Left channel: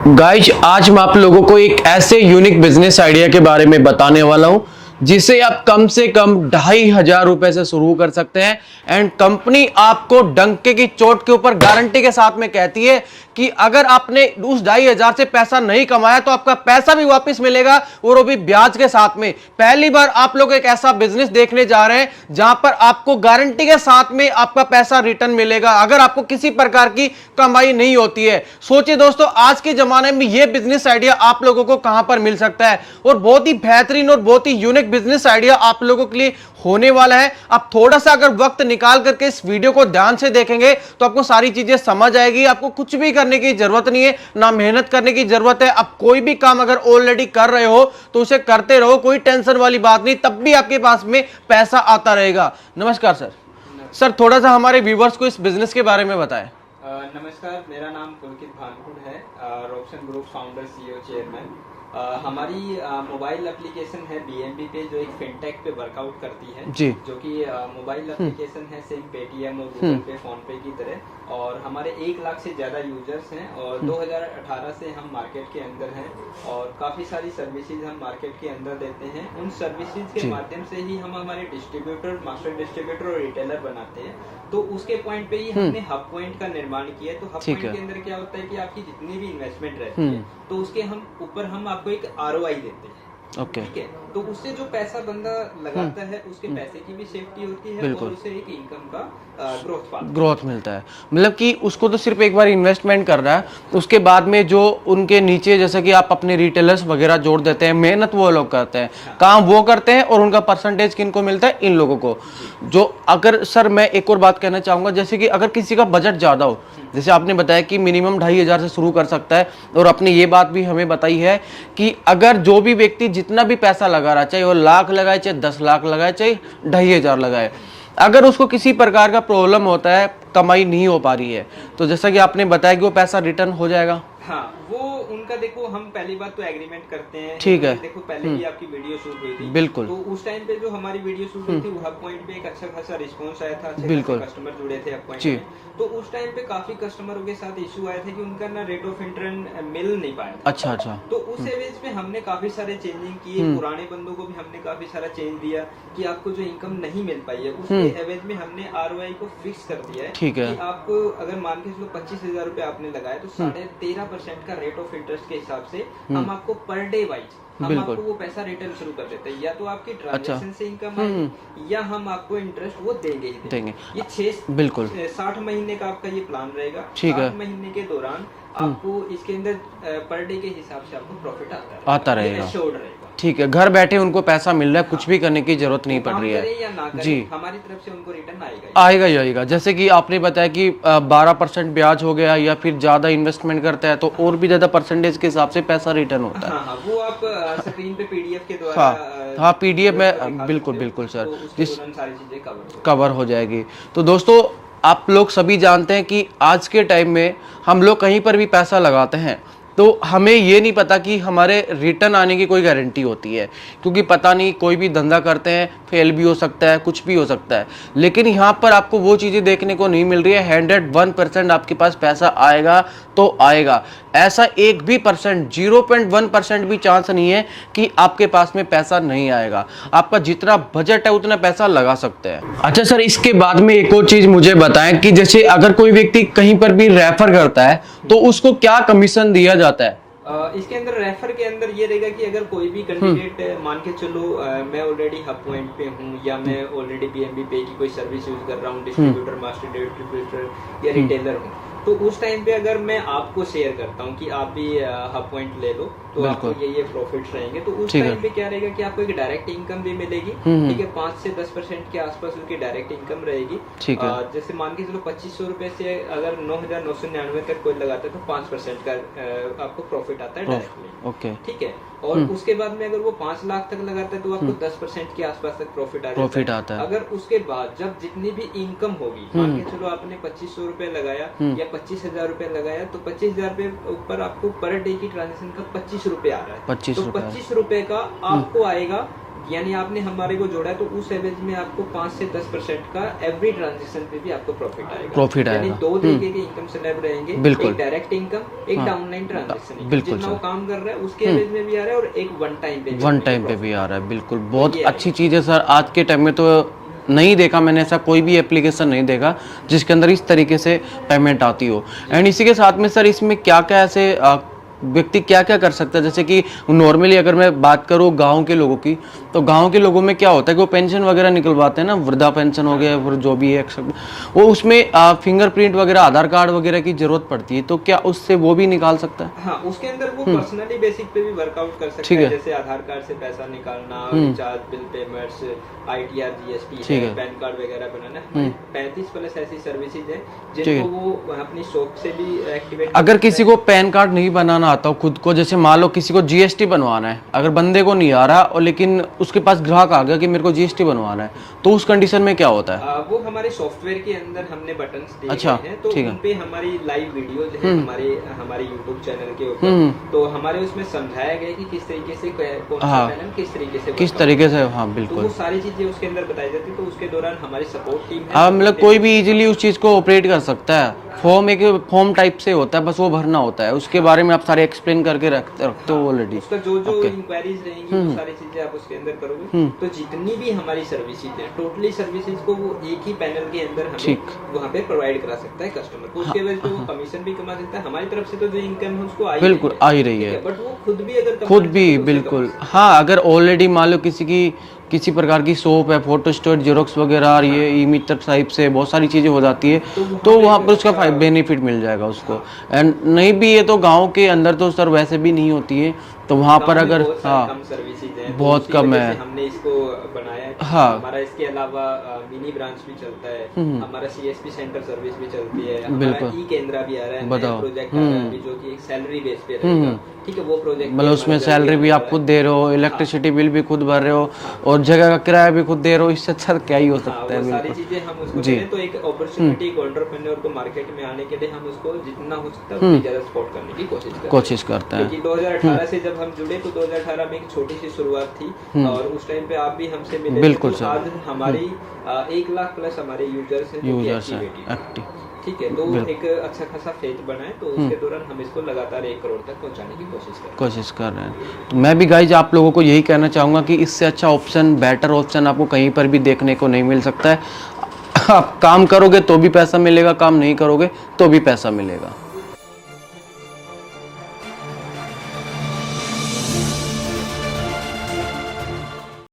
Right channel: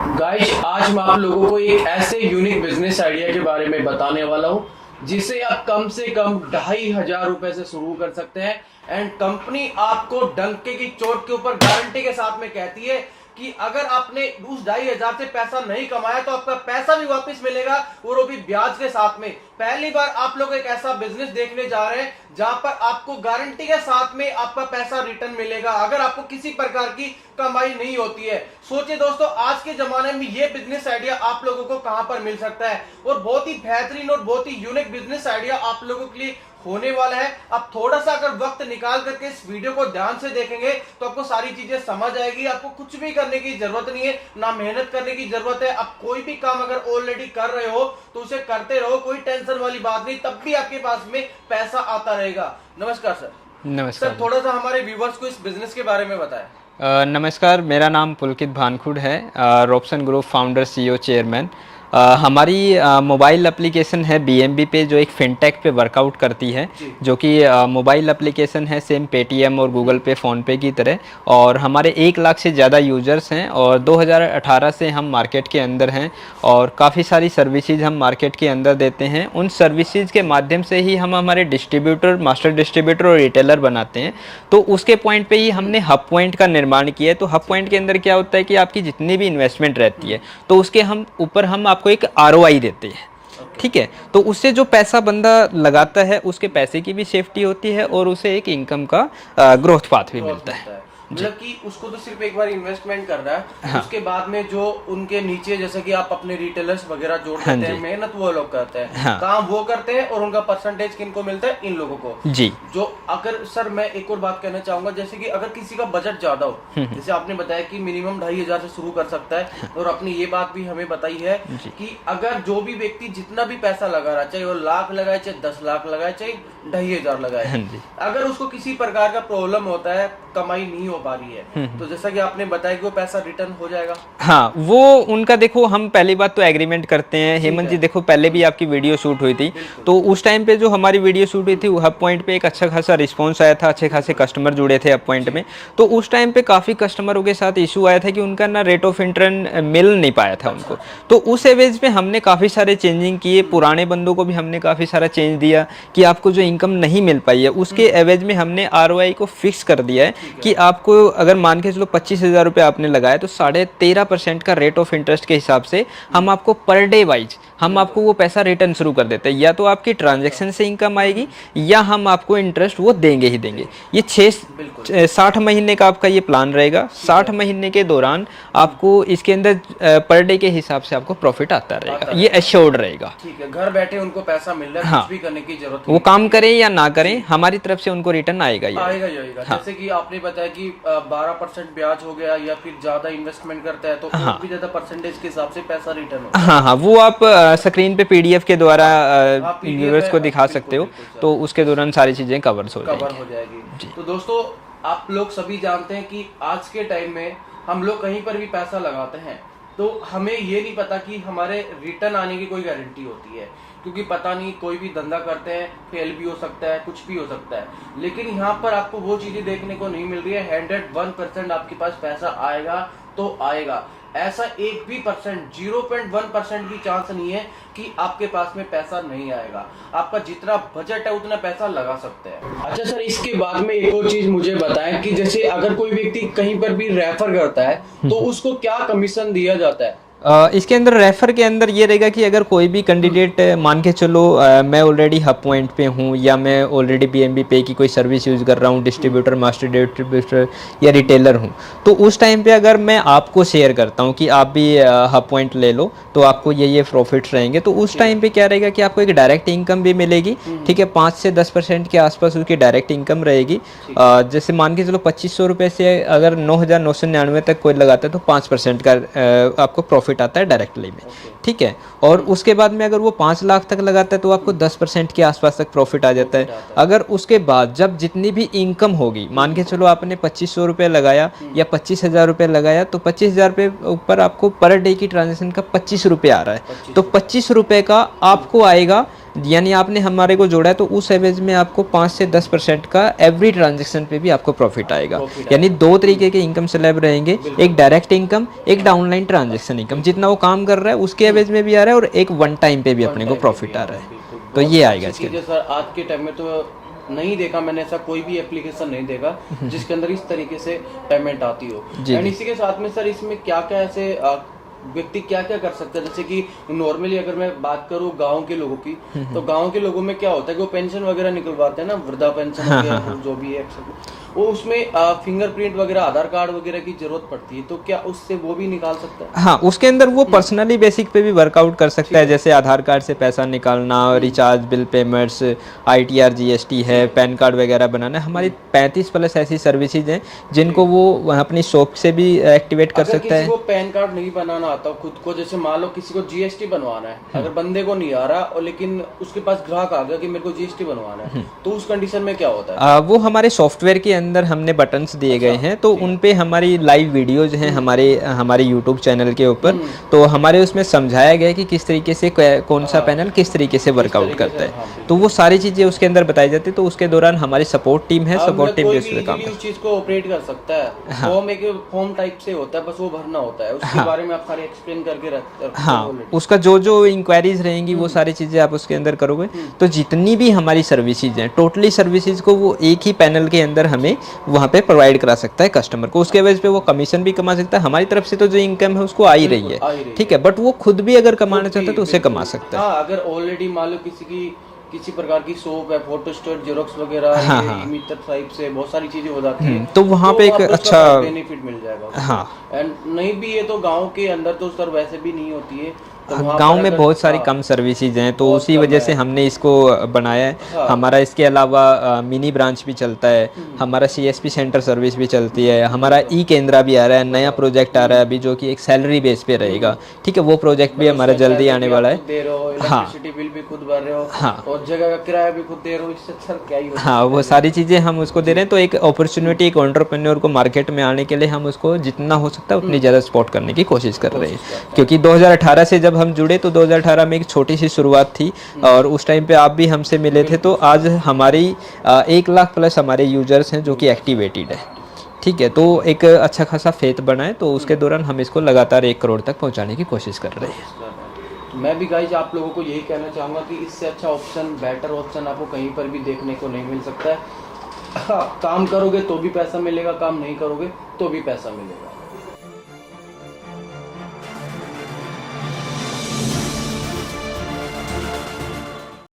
Guys आज मैं आप लोगों को एक ऐसे यूनिक बिजनेस आइडिया के बारे में बताने वाला हूं जिसे आप कम से कम 2,500 रुपए से शुरू कर सकते हैं। एंड कंपनी आपको डंके की चोट के ऊपर गारंटी के साथ में कहती है कि अगर आपने उस 2,500 से पैसा नहीं कमाया तो आपका पैसा भी वापस मिलेगा और वो भी ब्याज के साथ में। पहली बार आप लोग एक ऐसा बिजनेस देखने जा रहे हैं जहां पर आपको गारंटी के साथ में आपका पैसा रिटर्न मिलेगा अगर आपको किसी प्रकार की कमाई नहीं होती है। सोचिए दोस्तों, आज के जमाने में यह बिजनेस आइडिया आप लोगों को कहां पर मिल सकता है और बहुत ही बेहतरीन और बहुत ही यूनिक बिजनेस आइडिया आप लोगों के लिए होने वाला है। आप थोड़ा सा अगर वक्त निकाल करके इस वीडियो को ध्यान से देखेंगे तो आपको सारी चीजें समझ आएगी। आपको कुछ भी करने की जरूरत नहीं है, ना मेहनत करने की जरूरत है। आप कोई भी काम अगर ऑलरेडी कर रहे हो तो उसे करते रहो, कोई टेंशन वाली बात नहीं, तब भी आपके पास में पैसा आता रहेगा। नमस्कार सर। नमस्कार सर, थोड़ा सा हमारे व्यूवर्स को इस बिजनेस के बारे में बताएं। नमस्कार, मेरा नाम पुलकित भानखुड़ है, Robson group founder CEO chairman. हमारी मोबाइल एप्लीकेशन है बीएमबी पे, जो एक फिनटेक पे वर्कआउट करती है, जो कि मोबाइल एप्लीकेशन है सेम पेटीएम और गूगल पे फ़ोन पे की तरह। और हमारे 1 लाख से ज़्यादा यूज़र्स हैं और 2018 से हम मार्केट के अंदर हैं और काफ़ी सारी सर्विसेज हम मार्केट के अंदर देते हैं। उन सर्विसेज के माध्यम से ही हम हमारे डिस्ट्रीब्यूटर, मास्टर डिस्ट्रीब्यूटर और रिटेलर बनाते हैं। तो उसके पॉइंट पे ही हमने हब पॉइंट का निर्माण किया है। तो हब पॉइंट के अंदर क्या होता है कि आपकी जितनी भी इन्वेस्टमेंट रहती है तो उसके हम ऊपर हम आपको एक आरओआई देते हैं। ठीक है, तो उससे जो पैसा बंदा लगाता है उसके पैसे की भी सेफ्टी होती है और उसे एक इनकम का ग्रोथ पाथ मिलता है। मतलब कि उसको तो सिर्फ एक बार इन्वेस्टमेंट करना है, उसके बाद में जो उनके नीचे जैसे कि आप अपने रिटेलर्स वगैरह जोड़ देते हैं, मेहनत वो लोग करते हैं, काम वो करते हैं और उनका परसेंटेज किनको मिलता है? इन लोगों को जी। जो अगर सर मैं एक और बात कहना चाहूंगा, जैसे कि अगर किसी का बजट ज्यादा हो, जैसे आपने बताया कि मिनिमम 2,500 से शुरू कर सकता है, और आपने ये बात भी हमें बताई है कि अगर जो भी व्यक्ति जितना भी पैसा लगा रहा, चाहे वो लाख लगाए, चाहे 10 लाख लगाए, चाहे 2,500 लगाए, अगर उसको किसी प्रकार का प्रॉब्लम होता है, कमाई नहीं हो पा रही है, तो जैसा कि आपने बताया कि वो पैसा रिटर्न हो जाएगा। हाँ, वो उनका देखो, हम पहली बात तो एग्रीमेंट करते हैं। हेमंत जी देखो, पहले भी आपकी वीडियो शूट हुई थी, बिल्कुल, तो उस टाइम पे जो हमारी वीडियो शूट हुई थी हब पॉइंट पे एक अच्छा खासा रिस्पांस आया था, अच्छे खासे कस्टमर जुड़े थे हब पॉइंट में। तो उस टाइम पे काफी कस्टमरों के साथ इशू आया था कि उनका ना रेट ऑफ इंटरेस्ट मिल नहीं पाया था। अच्छा। तो उस एवेज पे हमने काफी सारे चेंजिंग किए, पुराने बंदों को भी हमने काफी सारा चेंज दिया कि आपको जो इनकम नहीं मिल पाई है उसके एवेज में हमने आरओआई को फिक्स कर दिया है कि आपको अगर मान के चलो 25,000 रुपए आपने लगाया तो 13.5% का रेट ऑफ इंटरेस्ट के हिसाब से हम आपको पर डे वाइज हम आपको वो पैसा रिटर्न शुरू कर देते हैं। या तो आपकी ट्रांजैक्शन से इनकम आएगी या हम आपको इंटरेस्ट वो देंगे ही देंगे। ये 60 महीने का आपका ये प्लान रहेगा। 60 महीने के दौरान आपको इसके अंदर पर डे के हिसाब से आपको प्रॉफिट आता रहेगा, ये एश्योर्ड रहेगा। ठीक है, घर बैठे उनको पैसा मिल रहा है, कुछ भी करने की जरूरत नहीं, वो काम करें या ना करें, हमारी तरफ से उनको रिटर्न आएगा ही आएगा। जैसे कि आपने बताया कि 12% ब्याज हो गया या फिर ज्यादा इन्वेस्टमेंट करता है तो और भी ज्यादा परसेंटेज के हिसाब से पैसा रिटर्न होगा। हाँ, वो आप स्क्रीन पे पीडीएफ के द्वारा पीडीएफ को दिखा सकते हो, तो उसके दौरान सारी चीजें कवर हो जाएगी। तो दोस्तों, आप लोग सभी जानते हैं कि आज के टाइम में हम लोग कहीं पर भी पैसा लगाते हैं तो हमें ये नहीं पता कि हमारे रिटर्न आने की कोई गारंटी होती है, क्योंकि पता नहीं, कोई भी धंधा करते हैं, फेल भी हो सकता है, कुछ भी हो सकता है। लेकिन यहाँ पर आपको वो चीज़ें देखने को नहीं मिल रही है। 101% आपके पास पैसा आएगा तो आएगा। ऐसा 0.1% भी चांस नहीं है कि आपके पास में पैसा नहीं आएगा। आपका जितना बजट है उतना पैसा लगा सकते हैं। अच्छा सर, इसके बाद में एक और चीज मुझे बताएं कि जैसे अगर कोई व्यक्ति कहीं पर भी रेफर करता है तो उसको क्या कमीशन दिया जाता है? इसके अंदर रेफर के अंदर ये रहेगा कि अगर कोई भी कैंडिडेट मान के चलो मैं ऑलरेडी हब पॉइंट पे हूँ या मैं ऑलरेडी बीएमबी पे की कोई सर्विस यूज़ कर रहा हूँ, डिस्ट्रीब्यूटर, मास्टर डिस्ट्रीब्यूटर या रिटेलर हूँ, तो उस टाइम पे अगर मैं आपको शेयर करता हूँ कि आप भी हब पॉइंट ले लो तो आपको ये प्रॉफिट्स रहेंगे, तो उस टाइम पे क्या रहेगा कि आपको एक डायरेक्ट इनकम भी मिलेगी। ठीक है, 5 से 10% के आसपास उसकी डायरेक्ट इनकम रहेगी। जैसे मान के चलो 2,500 रुपये से अगर 9,999 तक कोई लगाता है तो 5% का आपको प्रॉफिट आता है डायरेक्टली में। ठीक है, और उसके बाद में अगर वो 5 लाख तक लगाता है तो आपको 10% के आसपास तक प्रॉफिट आ जाता है। अगर उसके बाद जब जितनी भी इनकम होगी, मान के चलो आपने 2,500 रुपये लगाया या 25,000 रुपये लगाया, तो 25,000 रुपये ऊपर आपको पर डे की ट्रांजेक्शन का 25 रुपये आ रहा है, तो 25 रुपये का आपको आएगा यानी आपने हमारे को जोड़ा है तो उस एवरेज में आपको 5 से 10% का एवरी ट्रांजेक्शन पे भी आपको प्रॉफिट आएगा। यानी दो तरीके के इनकम स्लैब रहेंगे, एक डायरेक्ट इनकम, एक डाउनलाइन ट्रांजेक्शन इनकम। जितना वो काम कर रहा है उसके एवरेज में भी आ रहा है और एक वन टाइम पे भी अपने को प्रॉफिट आ रहा है। बिल्कुल, बहुत अच्छी चीज है सर। आज के टाइम में तो नहीं देखा मैंने ऐसा कोई भी एप्लीकेशन नहीं देखा जिसके अंदर इस तरीके से पेमेंट आती हो। एंड इसी के साथ में सर इसमें क्या क्या ऐसे व्यक्ति क्या क्या कर सकता है, जैसे कि नॉर्मली अगर मैं बात करूँ गांव के लोगों की, तो गांव के लोगों में क्या होता है कि वो पेंशन वगैरह निकलवाते हैं ना, वृद्धा पेंशन हो गया फिर जो भी है वो उसमें फिंगरप्रिंट वगैरह, आधार कार्ड वगैरह की जरूरत पड़ती है, तो क्या उससे वो भी निकाल सकता है? हाँ, उसके अंदर वो पर्सनली बेसिक पे भी वर्कआउट कर सकता है, जैसे आधार कार्ड से पैसा निकालना, recharge, bill payments, ITR GST है, पैन कार्ड वगैरह बनाना। हमारी 35+ ऐसी सर्विसेज हैं जिनको वो अपनी शॉप से भी एक्टिवेट कर अगर किसी को पैन कार्ड नहीं बनाना आता हूँ खुद को, जैसे मान लो किसी को GST बनवाना है, अगर बंदे को नहीं आ रहा और लेकिन उसके पास ग्राहक आ गया कि मेरे को GST बनवाना है, तो उस कंडीशन में क्या होता है? वो हमारे सॉफ्टवेयर के अंदर हमने बटन्स दिए गए हैं, तो उन पे हमारी लाइव वीडियोज हैं हमारे यूट्यूब चैनल के ऊपर। तो हमारे उसमें समझाया गया कि किस तरीके से कौन सा पैनल किस तरीके से वर्कआउट करता है, तो वो सारी चीजें उसके अंदर बताई जाती है। तो उसके दौरान हमारी सपोर्ट टीम है, मतलब कोई भी इजीली उस चीज को ऑपरेट कर सकता है। फॉर्म एक फॉर्म टाइप से होता है, बस वो भरना होता है, उसके बारे में आप सारे एक्सप्लेन करके रखते हो ऑलरेडी। उसका जो इंक्वायरीज रहेंगी वो सारी चीजें आप उसके अंदर करोगे। तो जितनी भी हमारी सर्विसेज हैं, टोटली सर्विसेज को वो एक ही पैनल के अंदर हमें वहाँ पे प्रोवाइड करा सकता है कस्टमर को। उसके वजह पे वो कमीशन भी कमा सकता है, हमारी तरफ से तो जो इनकम है उसको आ ही रही है, ठीक है। बट वो खुद भी अगर कमाना चाहता है तो उसे कमा सकता है। हाँ, अगर ऑलरेडी मान लो किसी प्रकार की शॉप है, फोटो स्टोर, जेरोक्स वगैरह, ये ई-मित्र टाइप से बहुत सारी चीजें हो जाती है, तो वहाँ पे एक अच्छा बेनिफिट मिल जाएगा उसको। एंड नहीं भी ये तो गांव के अंदर तो सर वैसे भी नहीं होती है, तो वहाँ पर में बहुत सारी कम सर्विसेज हैं, तो उसी वजह से हमने इसको बनाया है। हमारा इसके अलावा मिनी ब्रांच भी चलता है, हमारा CSP सेंटर सर्विस भी चलती है, हमारा ई-केंद्रा भी आ रहा है, नया प्रोजेक्ट आ रहा है अभी जो कि एक सैलरी बेस पे रहेगा, ठीक है। वो प्रोजेक्ट भी हमारा जल्दी आने वाला है। खुद दे रहे हो, इलेक्ट्रिसिटी बिल भी खुद भर रहे हो, और जगह का किराया भी खुद दे रहे हो, इससे अच्छा क्या ही होता है। हाँ, वो सारी चीजें हम उसको दे रहे हैं। तो एक अपॉर्चुनिटी, एक एंटरप्रेन्योर को मार्केट में आने के लिए हम उसको जितना हो सकता है उतनी ज्यादा सपोर्ट करने की कोशिश कर रहे हैं, क्योंकि 2018 से जब हम जुड़े तो 2018 में एक छोटी सी शुरुआत थी, और उस टाइम पे आप भी हमसे मिले थे। तो आज हमारी 1 लाख प्लस हमारे यूजर्स हैं जो कि एक्टिवेटेड है, ठीक है। तो एक अच्छा खासा फेथ बना है, तो उसके दौरान हम इसको लगातार 1 करोड़ तक पहुंचाने की कोशिश कर रहे हैं। मैं भी गाइज आप लोगों को यही कहना चाहूँगा कि इससे अच्छा ऑप्शन, बेटर ऑप्शन आपको कहीं पर भी देखने को नहीं मिल सकता है। आप काम करोगे तो भी पैसा मिलेगा, काम नहीं करोगे तो भी पैसा मिलेगा।